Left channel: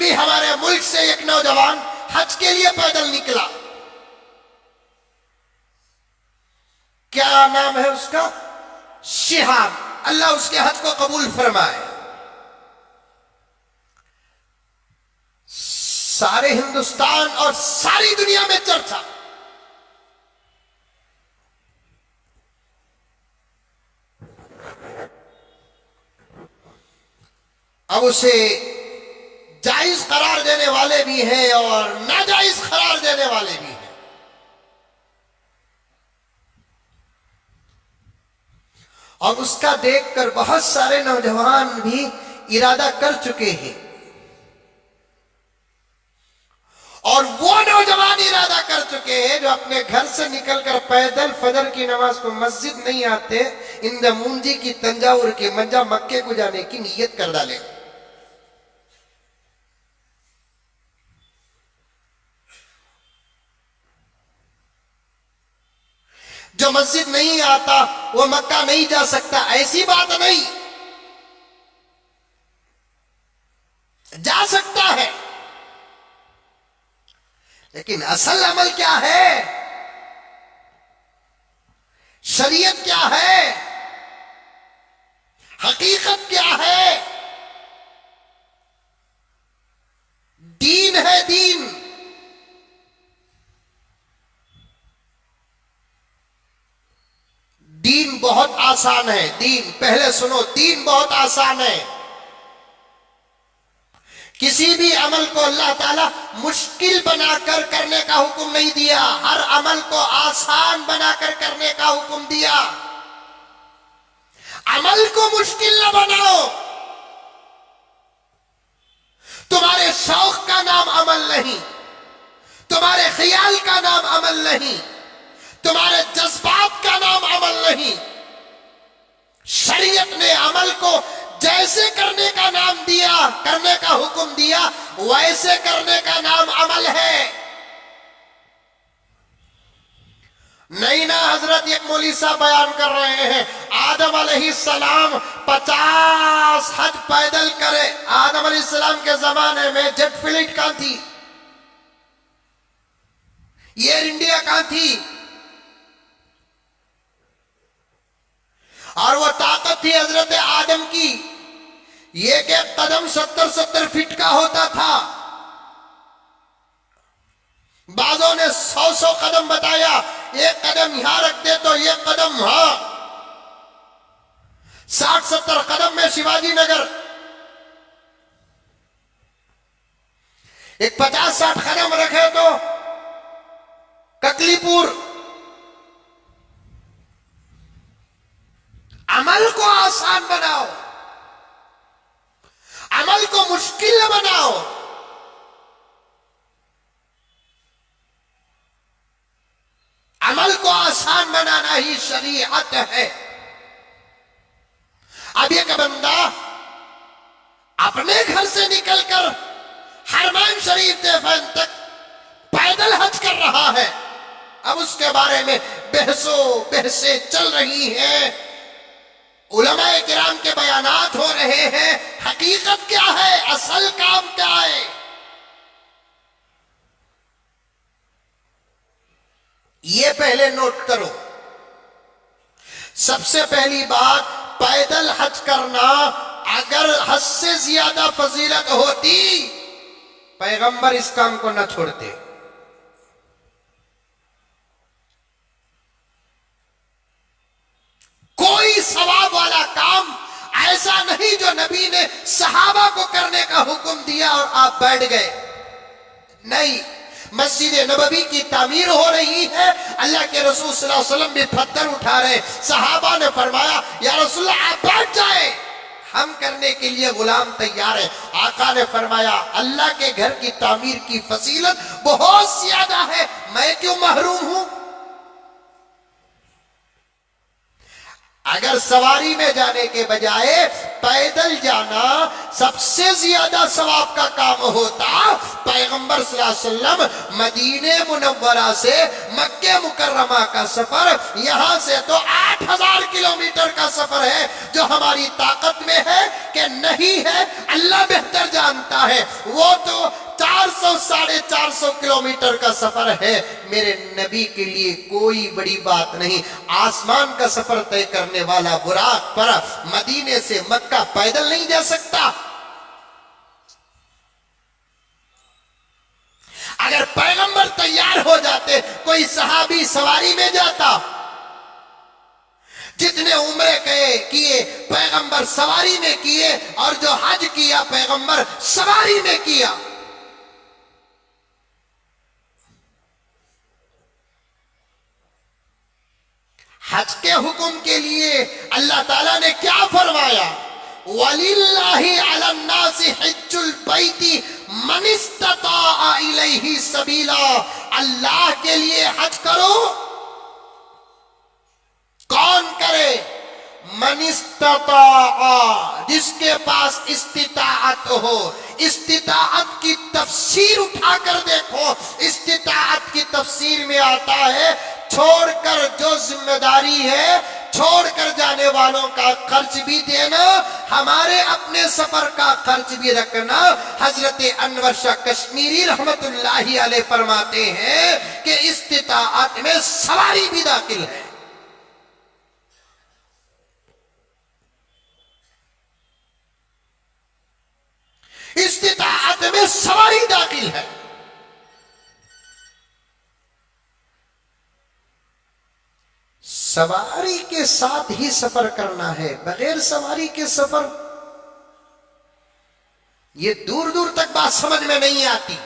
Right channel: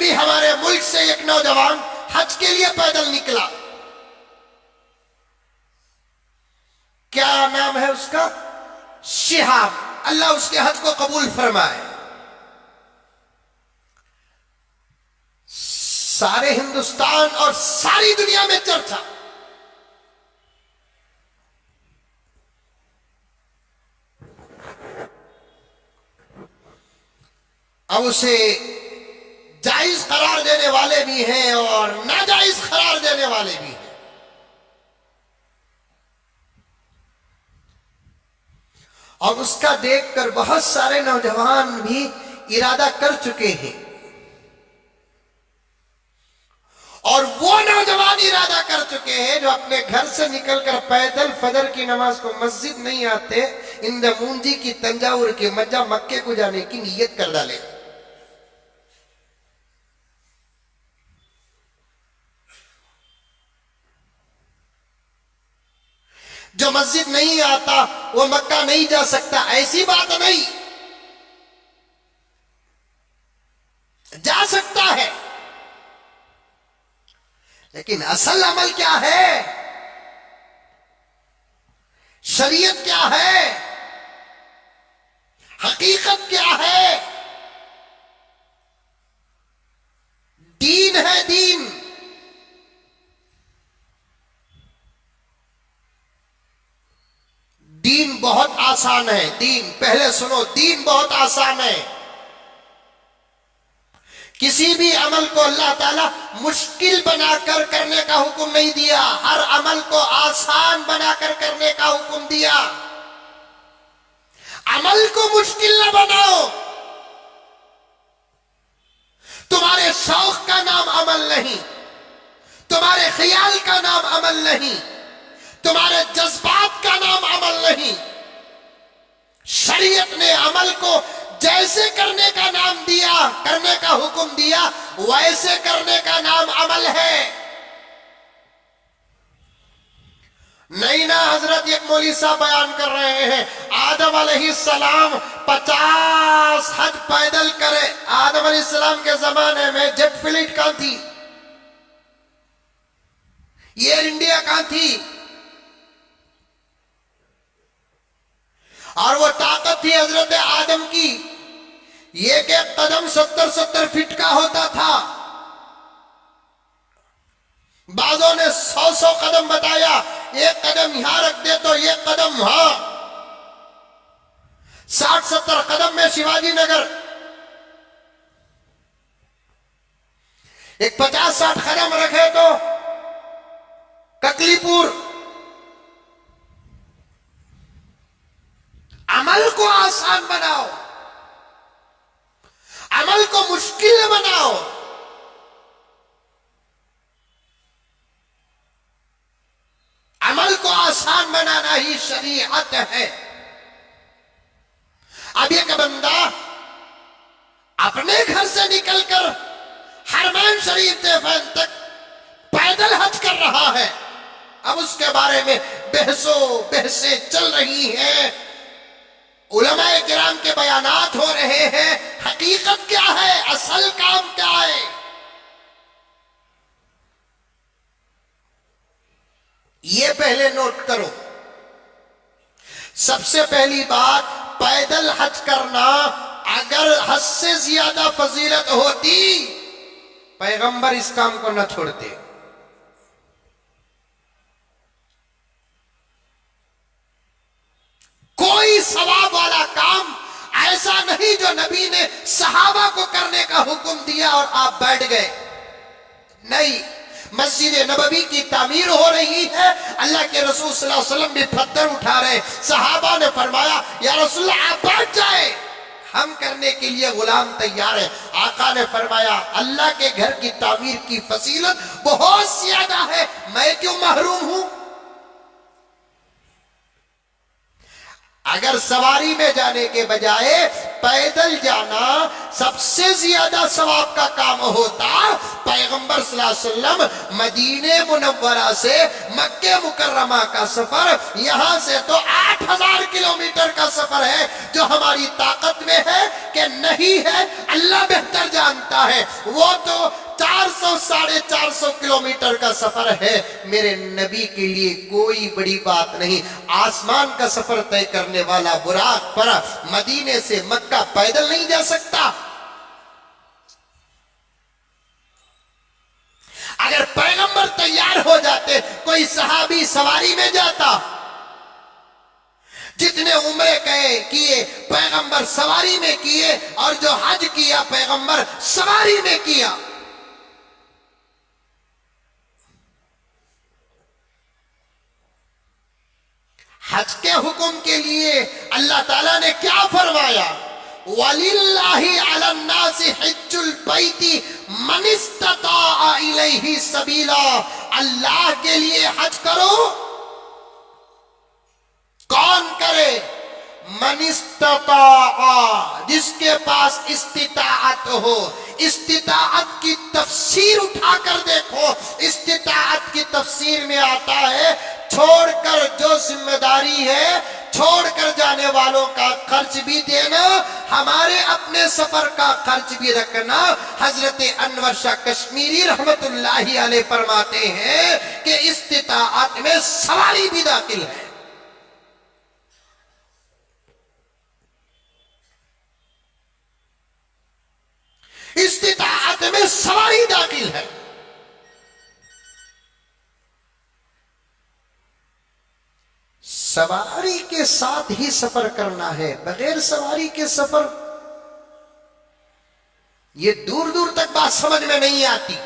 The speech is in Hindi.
अभी हमारे मुल्क से एक नौजवान हज के लिए पैदल निकला। क्या नाम है उसका? शिहाब। अल्लाह उसके हज को कबूल फरमाए। सारे हिंदुस्तान और सारी दुनिया में चर्चा। अब उसे जायज करार देने वाले भी हैं और नाजायज करार देने वाले भी हैं। और उसका देखकर बहुत सारे नौजवान भी इरादा कर चुके हैं। और वो नौजवान इरादा कर चुके हैं जो अपने घर से निकलकर पैदल फजर की नमाज को मस्जिद नहीं आते, इन मूंजी की तंजावुर के मज्जा मक्के को जाने की नीयत कर डाले। जो मस्जिद नहीं आता वो मक्का नहीं जा सकता, ऐसी बात नहीं, जा सकता है। लेकिन असल अमल क्या है, शरीयत क्या है, हकीकत क्या है? दीन है दीन। दीन बहुत आसान है। दीन, पहले सुनो, दीन बहुत आसान है। किसी भी अमल को अल्लाह ताला मुश्किल बनाकर करने का हुक्म नहीं दिया, हर अमल को आसान बनाकर करने का हुक्म दिया। अमल को मुश्किल न बनाओ। तुम्हारे शौक का नाम अमल नहीं, तुम्हारे ख्याल का नाम अमल नहीं, तुम्हारे जज्बात का नाम अमल नहीं। शरीयत ने अमल को जैसे करने का नाम दिया, करने का हुक्म दिया, वैसे करने का नाम अमल है। नहीं ना हजरत, एक मौलवी साहब बयान कर रहे हैं आदम अलैहिस्सलाम 50 हज पैदल करे। आदम अलैहिस्सलाम के जमाने में जेट फ्लाइट कहां थी, एयर इंडिया कहां थी? और वो ताकत थी हजरत आदम की, एक एक कदम 70-70 फीट का होता था। बाजों ने 100-100 कदम बताया, एक कदम यहां रख दे तो एक कदम वहां। 60-70 कदम में शिवाजी नगर, एक 50-60 कदम रखे तो ककलीपुर। अमल को आसान बनाओ, अमल को मुश्किल न बनाओ। अमल को आसान बनाना ही शरीयत है। अब एक बंदा अपने घर से निकलकर हरमैन शरीफ देफन तक पैदल हज कर रहा है। अब उसके बारे में बहसें चल रही हैं, उलमाए किराम के बयानात हो रहे हैं। हकीकत क्या है, असल काम क्या है? ये पहले नोट करो। सबसे पहली बात, पैदल हज करना, अगर हज से ज्यादा फजीलत होती पैगंबर इस काम को न छोड़ते। कोई सवाब वाला काम ऐसा नहीं जो नबी ने सहाबा को करने का हुक्म दिया और आप बैठ गए। नहीं, मस्जिद नबवी की तामीर हो रही है, अल्लाह के रसूल सल्लल्लाहु अलैहि वसल्लम भी पत्थर उठा रहे। सहाबा ने फरमाया या रसूलल्लाह आप बैठ जाए, हम करने के लिए गुलाम तैयार है। आका ने फरमाया अल्लाह के घर की तामीर की फजीलत बहुत ज्यादा है, मैं क्यों महरूम हूं? अगर सवारी में जाने के बजाय पैदल जाना सबसे ज्यादा सवाब का काम होता, पैगंबर सल्लल्लाहु अलैहि वसल्लम मदीने मुनव्वरा से मक्के मुकर्रमा का सफर, यहां से तो 8000 किलोमीटर का सफर है, जो हमारी ताकत में है कि नहीं है अल्लाह बेहतर जानता है। वो तो 400 450 किलोमीटर का सफर है। मेरे नबी के लिए कोई बड़ी बात नहीं। आसमान का सफर तय करने वाला बुराक पर मदीने से मक्का पैदल नहीं जा सकता। अगर पैगंबर तैयार हो जाते, कोई सहाबी सवारी में जाता। जितने उम्रे किए पैगंबर सवारी में किए, और जो हज किया पैगंबर सवारी में किया। हज के हुक्म के लिए अल्लाह ताला ने क्या फरमाया? वलिल्लाहि अलन्नासि हिज्जुल बैती मन इस्तता इलैहि सबीला। अल्लाह के लिए हज करो। कौन करे? मन इस्तता, जिसके पास इस्तिताअत हो। इस्तिताअत की तफसीर उठाकर देखो। इस्तिताअत की तफसीर में आता है छोड़कर जो जिम्मेदारी है, छोड़कर जाने वालों का खर्च भी देना, हमारे अपने सफर का खर्च भी रखना। हजरत अनवर शाह कश्मीरी रहमतुल्लाहि अलैह फरमाते हैं कि इस्तिताअत में सवारी भी दाखिल है। इस्तिताअत में सवारी दाखिल है। सवारी के साथ ही सफर करना है, बगैर सवारी के सफर, ये दूर दूर तक बात समझ में नहीं आती।